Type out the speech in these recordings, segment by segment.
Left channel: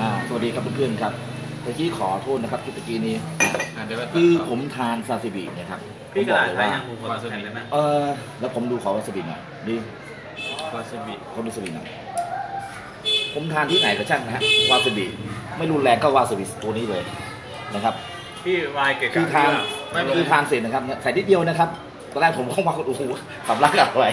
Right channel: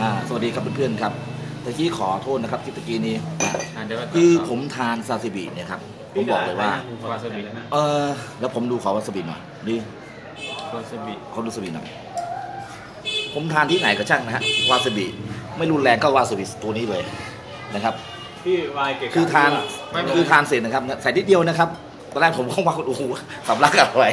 สวัสดีครับเพื่อนๆครับตะกี้ขอโทษนะครับคลิปตะกี้นี้คือผมทานซาซิบิเนี่ยครับผมบอกเลยว่าแล้วผมดูขอวาซาบิหน่อยดิวาซาบิเขาดูวาซาบิหน่อยผมทานที่ไหนก็ช่างนะฮะวาซาบิไม่รุนแรงก็วาซาบิตัวนี้เลยนะครับพี่วายเก๋คือทานเสร็จนะครับใส่นิดเดียวนะครับตอนแรกผมเข้ามาโอ้โหสำลักอะไร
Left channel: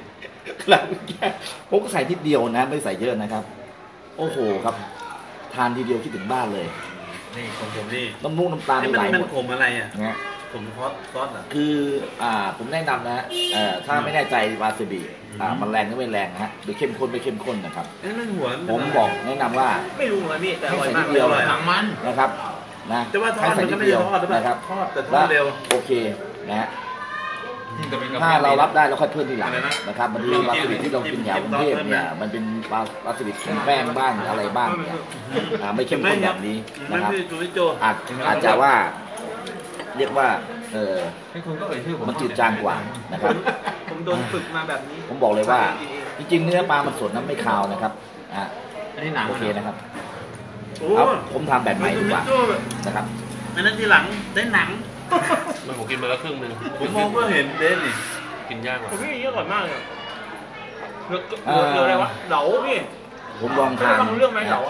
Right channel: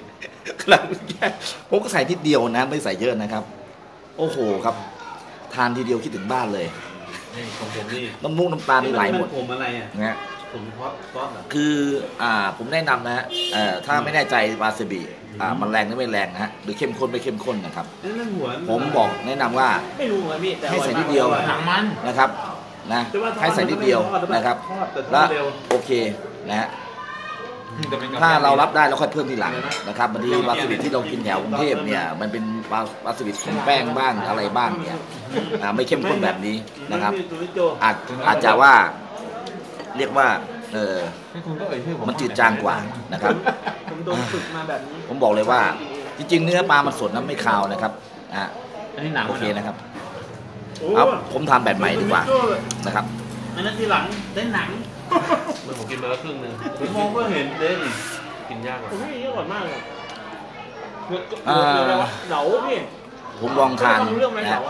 ผมก็ใส่นิดเดียวนะไม่ใส่เยอะนะครับโอ้โหครับทานทีเดียวคิดถึงบ้านเลยนี่ของผมนี่น้ำมูกน้ำตาไม่ไหลหมดผมอะไรอ่ะนะผมซอสคือผมแนะนำนะฮะถ้าไม่แน่ใจวาซาบิมันแรงหรือไม่แรงนะฮะหรือเข้มข้นไม่เข้มข้นนะครับผมบอกแนะนำว่าไม่รู้ว่าพี่ให้ใส่นิดเดียวนะครับนะให้ใส่นิดเดียวนะครับแล้วโอเคนะฮะถ้าเรารับได้เราค่อยเพิ่มทีหลังนะครับบางทีวาซาบิที่เรากินแถวกรุงเทพเนี่ยมันเป็นวาซาบิของแป้งบ้างอะไรบ้างเนี่ยไม่เข้มข้นแบบนี้นะครับอาจจะว่าเรียกว่ามันจืดจางกว่านะครับผมโดนฝึกมาแบบนี้ผมบอกเลยว่าจริงๆเนื้อปลามันสดน้ำไม่คาวนะครับโอเคนะครับผมทำแบบใหม่ดีกว่านะครับอันนั้นทีหลังได้หนังมันผมกินมาแล้วครึ่งนึงผมมองก็เห็นเด่นนี่กินยากกว่าพี่เยอะกว่ามากเลยอะไรวะเหลาพี่ผมลองทานเรื่องไหมเหลา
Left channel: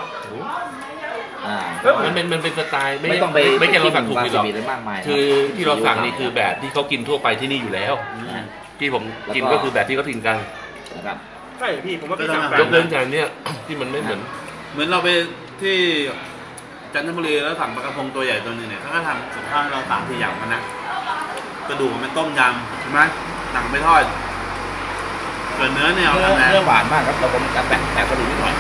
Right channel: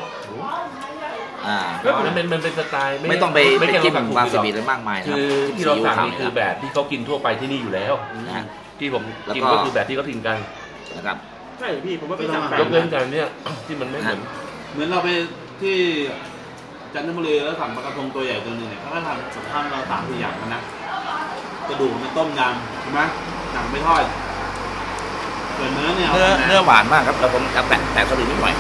มันเป็นสไตล์ไม่ต้องไปจิ้มวาซาบิอะไรมากมายคือที่เราสั่งนี่คือแบบที่เขากินทั่วไปที่นี่อยู่แล้วที่ผมกินก็คือแบบที่เขากินกันนะครับใช่พี่ผมว่าพี่สั่งยกเว้นจากเนี้ยที่มันไม่เหมือนเราไปที่จันทบุรีแล้วสั่งปลากระพงตัวใหญ่ตัวนึงเนี่ยเขาก็ทำกับข้าวเรา3-4อย่างมันนะกระดูกมันเป็นต้มยำใช่ไหมหนังไม่ทอดส่วนเนื้อหวานมากครับเราผมจะแตะกระดูกนิดหน่อย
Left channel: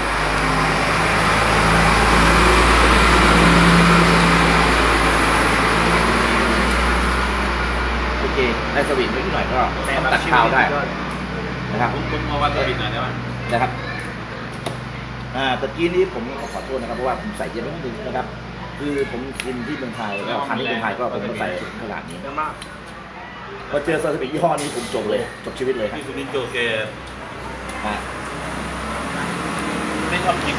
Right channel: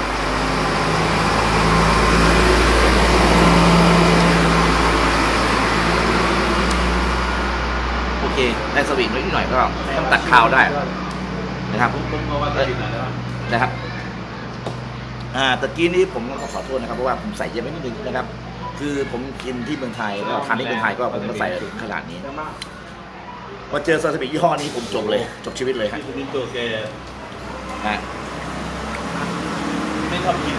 โอเคได้สวีทนิดหน่อยก็ตัดข้าวได้นะครับผมมาวัดสวีทหน่อยได้ไหมนะครับตะกี้นี้ผมขอโทษนะครับเพราะว่าผมใส่เยอะไปนิดนึงนะครับคือผมกินที่เมืองไทยก็ทานที่เมืองไทยก็ผมก็ใส่ขนาดนี้พอเจอซาซิมิยี่ห้อนี้ผมจบเลยจบชีวิตเลยครับที่คุณมินโจแกไม่ชอบกิน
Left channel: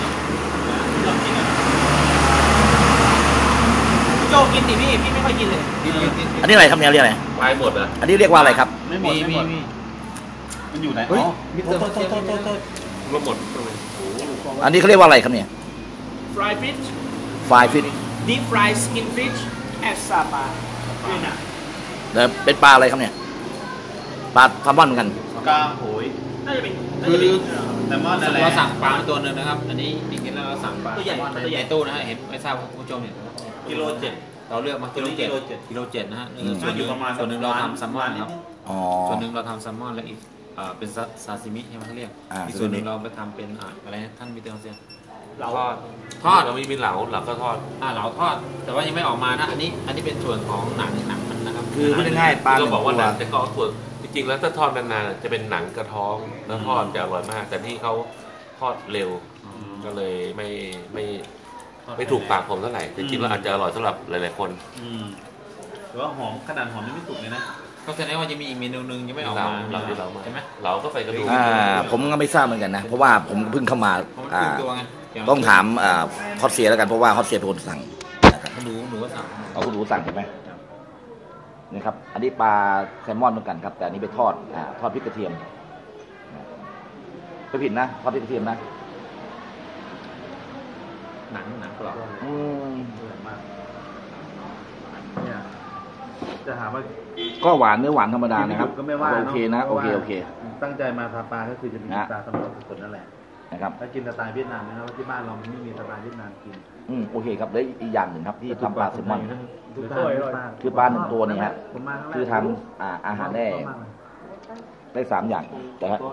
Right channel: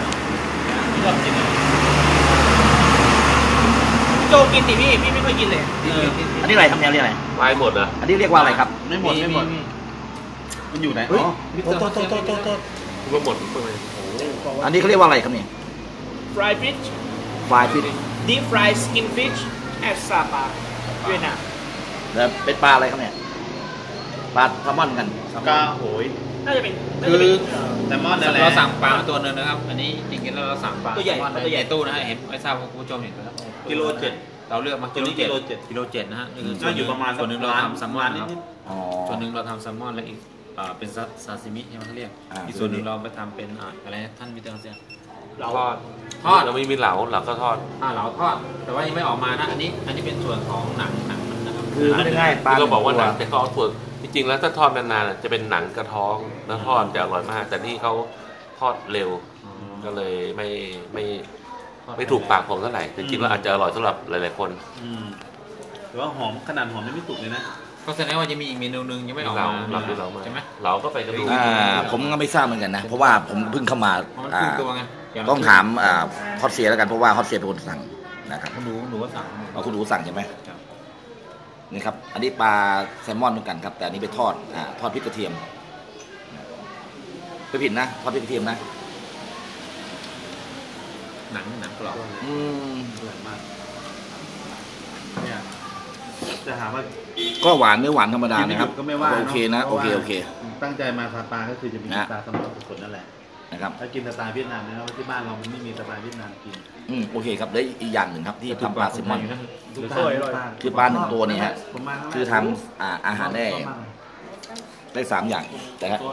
โจกินดิพี่ไม่ค่อยกินเลยอันนี้อะไรครับเนี่ยเรียกอะไรไปหมดอ่ะอันนี้เรียกว่าอะไรครับไม่หมดมันอยู่ไหนอ๋อโทษรวมหมดอันนี้เขาเรียกว่าอะไรครับเนี่ย fried fish deep fried skin fish at Sapa เวียดนามแล้วเป็นปลาอะไรครับเนี่ยปลาแซลมอนกันปลาโหยน่าจะเป็นคือแซลมอนเราสั่งปลาตัวนึงนะครับอันนี้จริงๆแล้วเราสั่งปลาตัวใหญ่ในตู้นะฮะเห็นไม่ทราบคุณผู้ชมเห็นไหมครับกิโล7เราเลือกมากิโล7นะฮะก็อยู่ประมาณส่วนนึงเราทำแซลมอนครับส่วนนึงเราทำแซลมอนแล้วอีกเป็นซาซิมิใช่ไหมเขาเรียกอีกส่วนหนึ่งเราไปทำเป็นอะไรท่านมิเตอร์เซียเหลาทอดเรามีเหลาก็ทอดเหลาทอดแต่ว่ายังไม่ออกมานะอันนี้เป็นส่วนของหนังนะครับคือไม่ง่ายปลาก็บอกว่าหนังจะกรอบส่วนจริงๆแล้วถ้าทอดนานๆจะเป็นหนังกระท้องแล้วทอดจะอร่อยมากแต่นี่เขาทอดเร็วก็เลยไม่ถูกปากผมเท่าไหร่จริงๆแล้วอาจจะอร่อยสำหรับหลายๆคนแต่ว่าหอมขนาดหอมไม่สุกเลยนะก็แสดงว่าจะมีอีกเมนูนึงยังไม่ออกมาใช่ไหมเราก็ไปกระดูกผมก็ไม่ทราบเหมือนกันนะเพราะว่าผมเพิ่งเข้ามาต้องถามฮอตเซียแล้วกันเพราะว่าฮอตเซียเป็นคนสั่งนะครับหนูก็สั่งคุณหนูสั่งใช่ไหมนี่ครับอันนี้ปลาแซลมอนเหมือนกันครับแต่อันนี้ไปทอดพริกกระเทียมไม่ผิดนะทอดพริกกระเทียมนะหนังกรอบจะหาว่าก็หวานเนื้อหวานธรรมดานะครับโอเคนะโอเคตั้งใจมาทานปลาก็คือจะมีปลาสำหรับคนนั่นแหละนะครับถ้ากินสไตล์เวียดนามเนี่ยที่บ้านเรามันไม่มีสไตล์เวียดนามกินโอเคครับแล้วอีกอย่างหนึ่งครับที่ทำปลาแซลมอนคือปลา1 ตัวนี่ฮะคือทำอาหารได้3 อย่างแต่ครับ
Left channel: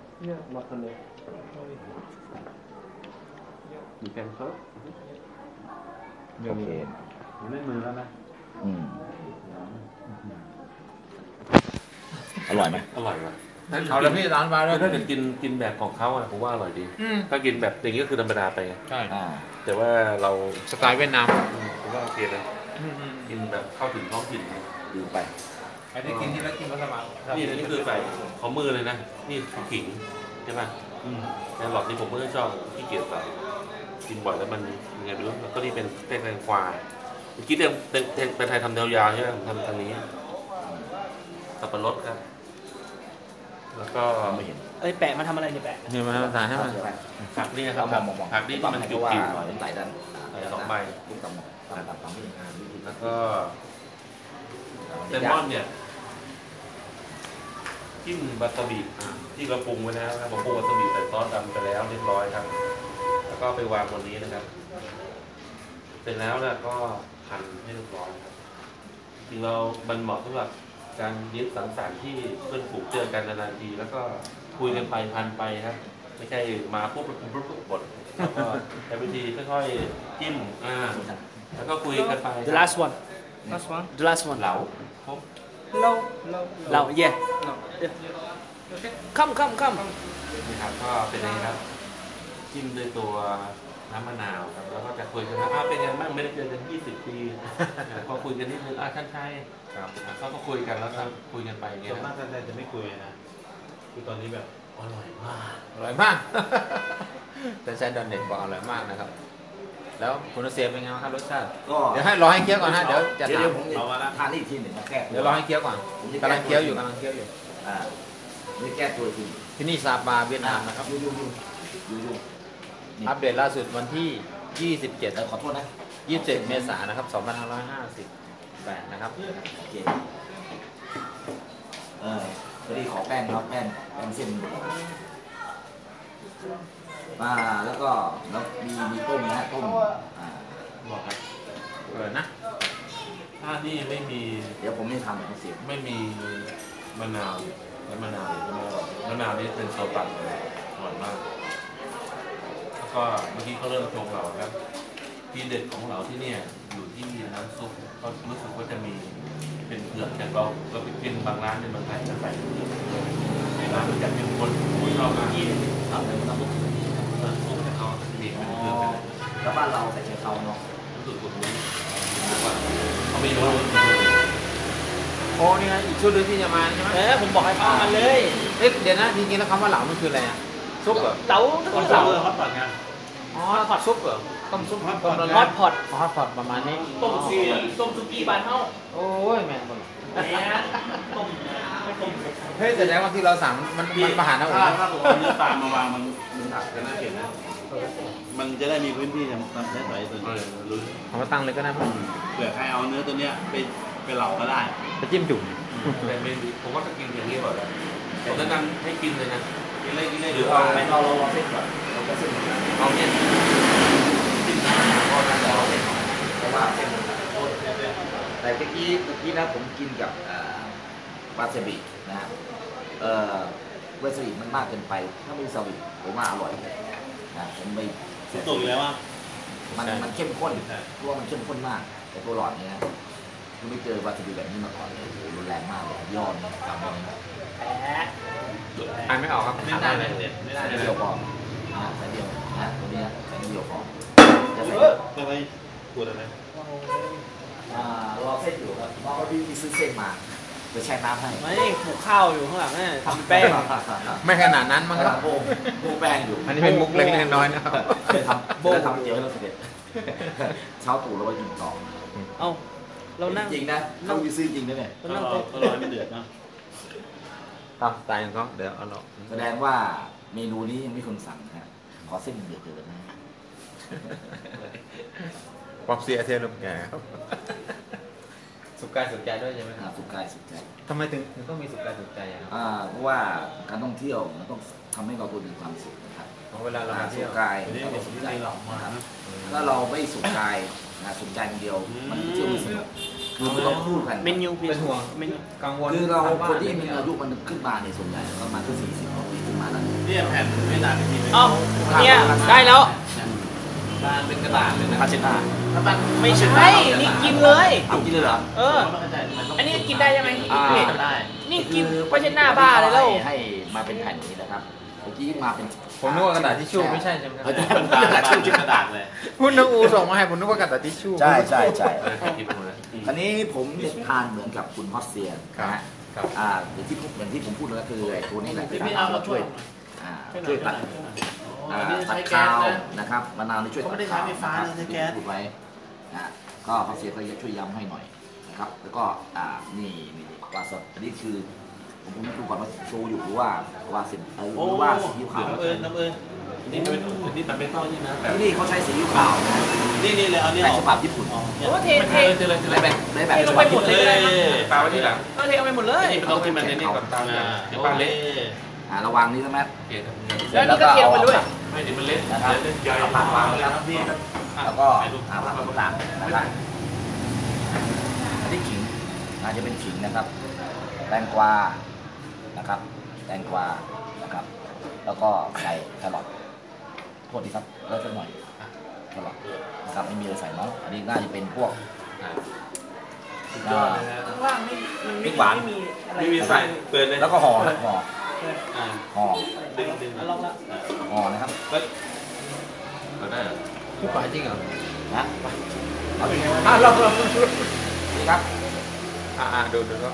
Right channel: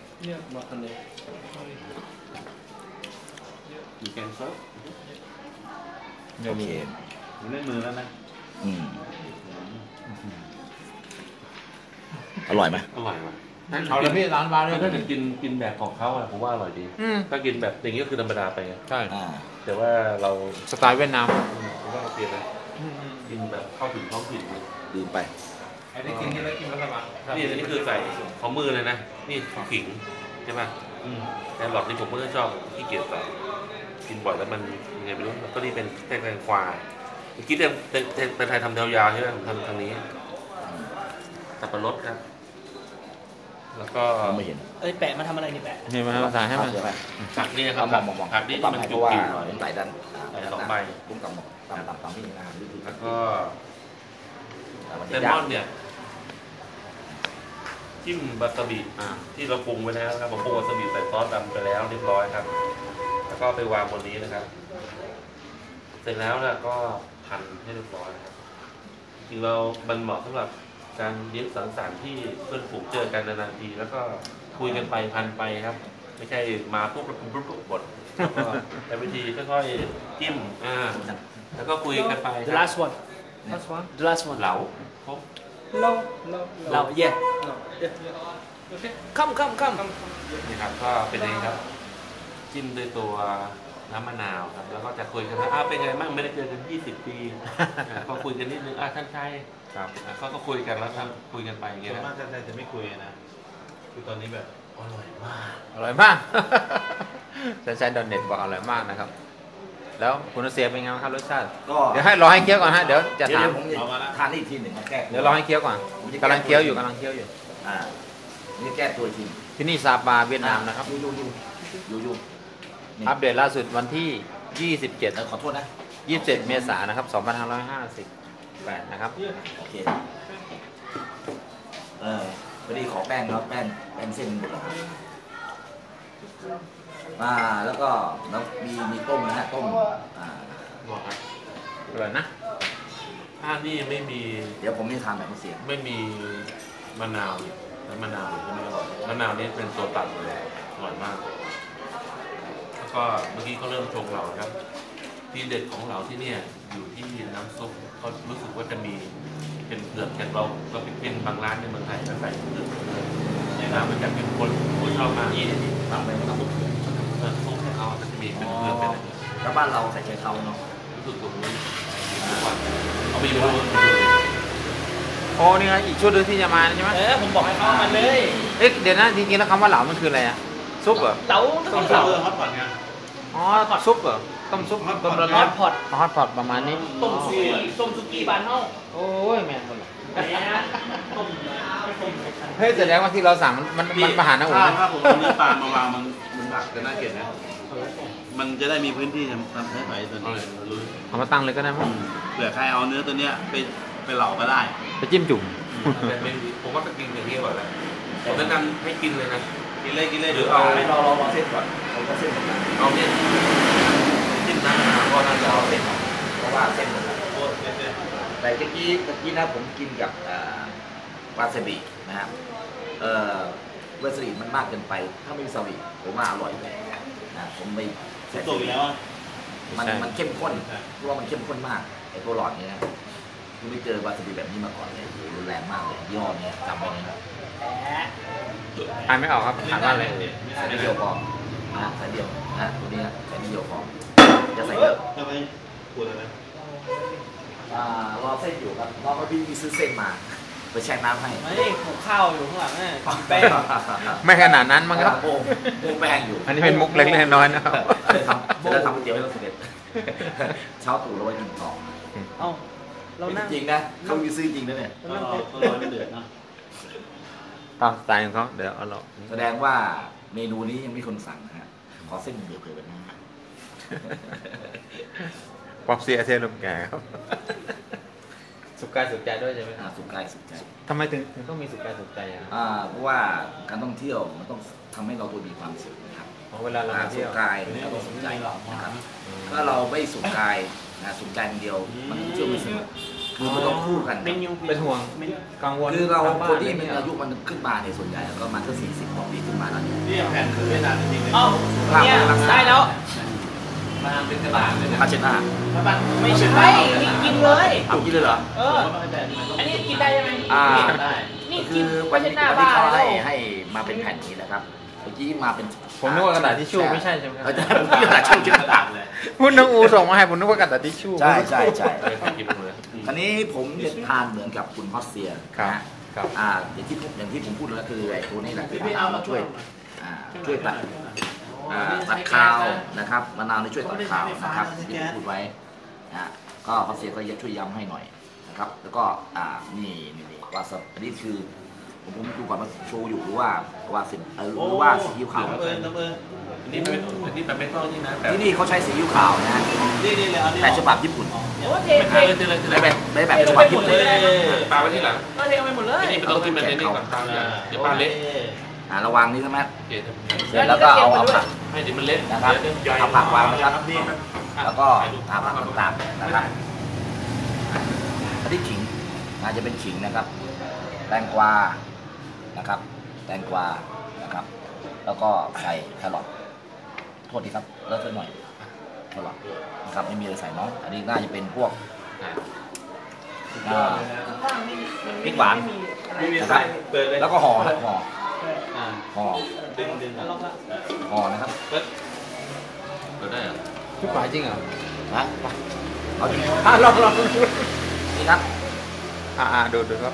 โอเคเล่นมือแล้วนะอร่อยไหมอร่อยว่ะเอาเลยพี่ร้านปลาด้วยถ้าจะกินแบบของเขาอะผมว่าอร่อยดีถ้ากินแบบอย่างนี้ก็คือธรรมดาไปใช่แต่ว่าเราสไตล์เวียดนามผมว่าโอเคนะกินแบบเข้าถึงท้องถิ่นลืมไปไอ้ที่กินที่แล้วกินมัสมั่นนี่อันนี้คือใส่ของมือเลยนะนี่ขิงใช่ป่ะแต่หลอดนี่ผมไม่ชอบขี้เกียจใส่กินบ่อยแล้วมันยังไงไม่รู้ก็นี่เป็นแตงกวาเมื่อกี้เป็นไทยทำยาวๆใช่ไหมผมทำทางนี้สับปะรดครับ แล้วก็ไม่เห็นแปะมาทำอะไรนี่แปะนี่มาภาษาให้มันผักนี่ครับผักนี่มันจุกจิ๋วใส่กันใส่2 ใบแล้วก็เลมอนเนี่ยจิ้มวาซาบิที่เราปรุงไว้แล้วนะครับผมปรุงวาซาบิใส่ซอสดำไปแล้วเรียบร้อยครับแล้วก็ไปวางบนนี้นะครับเสร็จแล้วนะก็หั่นให้เรียบร้อยครับจริงเรามันเหมาะสำหรับการเลี้ยงสังสรรค์ที่เพื่อนฝูงเจอกันนานๆทีแล้วก็คุยกันไปพันไปครับ ไม่ใช่มาปุ๊บแล้วปุ๊บบดแล้วก็แต่วิธีค่อยๆจิ้มแล้วก็คุยกันไปครับ The last one The last one เหลาครบเหลา yeah come นี่ครับก็เป็นอย่างนี้ครับจิ้มด้วยตัวน้ำมะนาวครับแล้วก็จะคุยกันว่าเป็นไงบ้างไม่ได้เจอกัน20 ปีก็คุยกันนิดนึงท่านชายเขาก็คุยกันแล้วครับคุยกันไปอย่างเงี้ยครับท่านชายจะไม่คุยนะคือตอนนี้แบบอร่อยมากท่านชายโดนเด็ดบอกอร่อยมากนะครับแล้วคุณเสียเป็นไงครับรสชาติเดี๋ยวให้รอให้เคี้ยวก่อนฮะเดี๋ยวจะทานอีกทีหนึ่งเดี๋ยวรอให้เคี้ยวก่อนกำลังเคี้ยวอยู่นี่แก้ตัวทีที่นี่ซาบาเวียดนามนะครับอัปเดตล่าสุดวันที่27 ขอโทษนะ 27 เมษายนนะครับ2558นะครับโอเคพอดีขอแป้งครับแป้งเส้นหมดแล้วก็มีต้มนะฮะต้มบอกครับอร่อยนะนี่ไม่มีเดี๋ยวผมนี่ทำแบบนี้สิไม่มีมะนาวและมะนาวไม่อร่อยมะนาวนี่เป็นโซตัสเลยอร่อยมากแล้วก็เมื่อกี้เขาเริ่มชงเราครับที่เด็ดของเราที่เนี่ยอยู่ที่น้ำซุปเขารู้สึกว่าจะมีเป็นเผือกอย่างเราไปกินบางร้านในเมืองไทยแล้วใส่เผือกน้ำมันจะเป็นคนผู้ชอบมากตามเลยน้ำซุปเขาจะมีเป็นเผือกเลยแล้วบ้านเราใส่เตาเนาะรู้สึกตรงนี้เขาไม่รู้โอ้นี่ไงอีกชุดนึงที่จะมาใช่ไหมผมบอกให้เข้ามาเลยเดี๋ยวนะจริงๆแล้วคำว่าเหลามันคืออะไรซุปเหรอเหลาต้มเหลาฮอตพอตไงฮอตซุปเหรอต้มซุปฮอตพอตฮอตพอตประมาณนี้ต้มซุกี้บานเมาโอ้ยแม่คนละเฮ้ยแสดงว่าที่เราสั่งมันมาหาหน้าอุ่นนะผมนี่ปลามาวางมันหักจะน่าเกลียดนะมันจะได้มีพื้นที่ทำใช้ไฟตัวนี้เอามาตั้งเลยก็ได้มั้งเผื่อใครเอาเนื้อตัวเนี้ยไปเหลาก็ได้ไปจิ้มจุ่มแต่ผมว่าจะกินอย่างนี้ก่อนแหละผมแนะนำให้กินเลยนะกินเลยหรือเอาเราเส้นก่อนเราก็เส้นเอาเนี่ยจิ้มน้ำมะนาวก็น่าจะเอาเลยเพราะว่าเส้นหมดแล้วแต่เมื่อกี้นะผมกินกับวาซาบินะครับวาซาบิมันมากเกินไปถ้าไม่มีวาซาบิผมว่าอร่อยเลยนะผมไม่ใส่ตัวแล้วมันเข้มข้นเพราะว่ามันเข้มข้นมากไอ้ตัวหลอดนี้นะคุณไม่เจอวาซาบิแบบนี้มาก่อนเลยโอ้โหรุนแรงมากเลยย่อนี้จำไว้เลยนะอ่านไม่ออกครับอ่านได้เลยใส่เดียวพอใส่เดียวนะตัวนี้ใส่เดียวพอจะใส่เยอะอะไรปวดอะไรรอเส้นอยู่ครับรอพี่ซื้อเส้นมาไปแช่น้ำให้ไม่ผูกข้าวอยู่ข้างหลังเนี่ยแป้งไม่ขนาดนั้นมั้งครับมุกแป้งอยู่อันนี้เป็นมุกเล็กน้อยนะครับจะทำก๋วยเตี๋ยวให้เราเสร็จเช้าตู่เราไว้กินต่อเรานั่งจริงนะเขามีซื้อจริงนะเนี่ยเราไม่เดือดนะตามสไตล์ของเขาเดี๋ยวเอาแสดงว่าเมนูนี้ยังไม่คนสั่งนะฮะขอเส้นเดียวเลยนะป๊อปเสียเทนลมแก่ครับสุกกายสุกใจด้วยใช่ไหมสุกกายสุกใจทำไมถึงต้องมีสุกกายสุกใจเพราะว่าการท่องเที่ยวมันต้องทำให้เราตัวมีความสุขนะครับเวลาเราสุกกายเราต้องสุขใจนะครับถ้าเราไม่สุกกายสุกใจคนเดียวมันเที่ยวไม่สนุกคือมันต้องคู่กันเป็นห่วงกังวลคือเราคนที่มันอายุมันขึ้นมาในส่วนใหญ่แล้วก็มาก็40 กว่าปีขึ้นมาแล้วเนี่ยแผ่นไม่นานจริงๆเนี่ยได้แล้วเป็นกระดาษเลยนะพาเชน่าไม่ใช่นี่กินเลยกินเลยเหรออันนี้กินได้ใช่ไหมนี่คือวันที่เขาให้มาเป็นแผ่นนี้นะครับเมื่อกี้มาเป็นผมนึกว่ากระดาษทิชชู่ไม่ใช่ใช่ไหมใช่ผมกระดาษทิชชู่กระดาษเลยคุณน้องอูส่งมาให้ผมนึกว่ากระดาษทิชชู่ใช่อันนี้ผมเด็ดทานเหมือนกับคุณฮอสเซียนะฮะอย่างที่ผมพูดแล้วคือไอ้ตัวนี้แหละที่เอามาช่วยตัดตัดคาวนะครับมะนาวนี่ช่วยตัดคาวนะครับที่พูดไว้นะก็พอเสียก็ช่วยย้ำให้หน่อยนะครับแล้วก็นี่วาซาบิอันนี้คือผมดูก่อนว่าโชว์อยู่หรือว่าวาซินหรือว่าซีอิ๊วขาวนี่มันไม่ต้องนี่นะที่นี่เขาใช้ซีอิ๊วขาวนะแบบฉบับญี่ปุ่นแบบฉบับญี่ปุ่นปลาไว้ที่หลังเทเอาไปหมดเลยนี่ต้องขึ้นมาในนี้ก่อนเดี๋ยวปลาเล็กระวังนี่ใช่ไหมแล้วก็เอาให้ดิมันเล็กนะครับเอาผักวางนะครับแล้วก็ผักต่างๆนะครับอันนี้ขิงจะเป็นขิงนะครับแตงกวานะครับแตงกวานะครับแล้วก็ใส่แครอทโทษทีครับเลิกสักหน่อยแครอทนะครับไม่มีอะไรใส่เนาะอันนี้น่าจะเป็นพวกพริกหวานนะครับแล้วก็ห่อนะครับได้เหรอทุกฝ่ายจริงเหรอนะเอาจริงลองนี่ครับดูครับ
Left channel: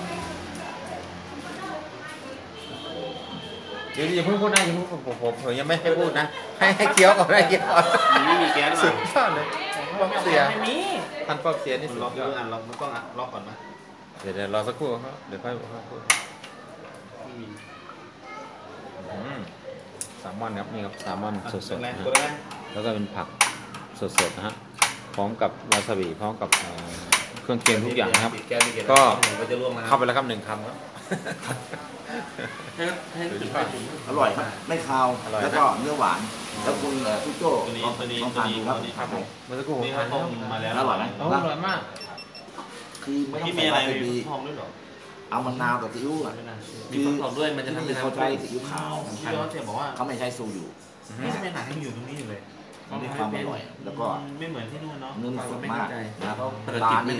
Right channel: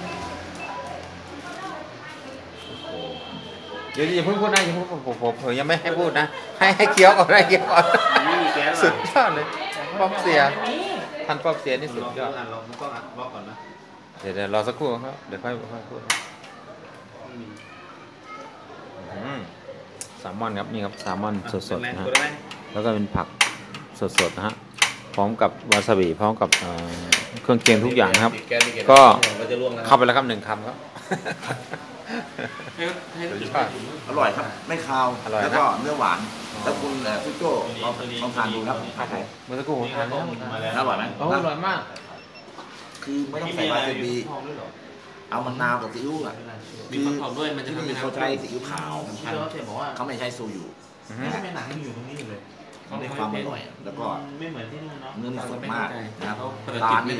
เดี๋ยวอย่าเพิ่งพูดนะอย่าเพิ่งผมยังไม่ให้พูดนะให้เคี้ยวก่อนให้เคี้ยวก่อนไม่มีแก๊สสุดยอดเลยฟอกเสียทันฟอกเสียนี่สุดยอดเราต้องล็อกก่อนนะเดี๋ยวรอสักครู่ครับเดี๋ยวค่อยพูดแซลมอนครับนี่ครับแซลมอนสดๆนะฮะแล้วก็เป็นผักสดๆนะฮะพร้อมกับวาซาบิพร้อมกับเครื่องเคียงทุกอย่างนะครับก็เข้าไปแล้วครับ1 คำครับอร่อยครับไม่คาวแล้วก็เนื้อหวานแล้วคุณพี่โจ้ลองทานดูครับเมื่อสักครู่ผมทานแล้วอร่อยไหมอร่อยมากคือไม่ต้องใส่วาซาบิเอามะนาวกับซีอิ๊วคือที่นี่เขาใช้ซีอิ๊วขาวเขาไม่ใช้โซยุเขาได้ความอร่อยแล้วก็เนื้อนี่สดมากนะครับร้านนี้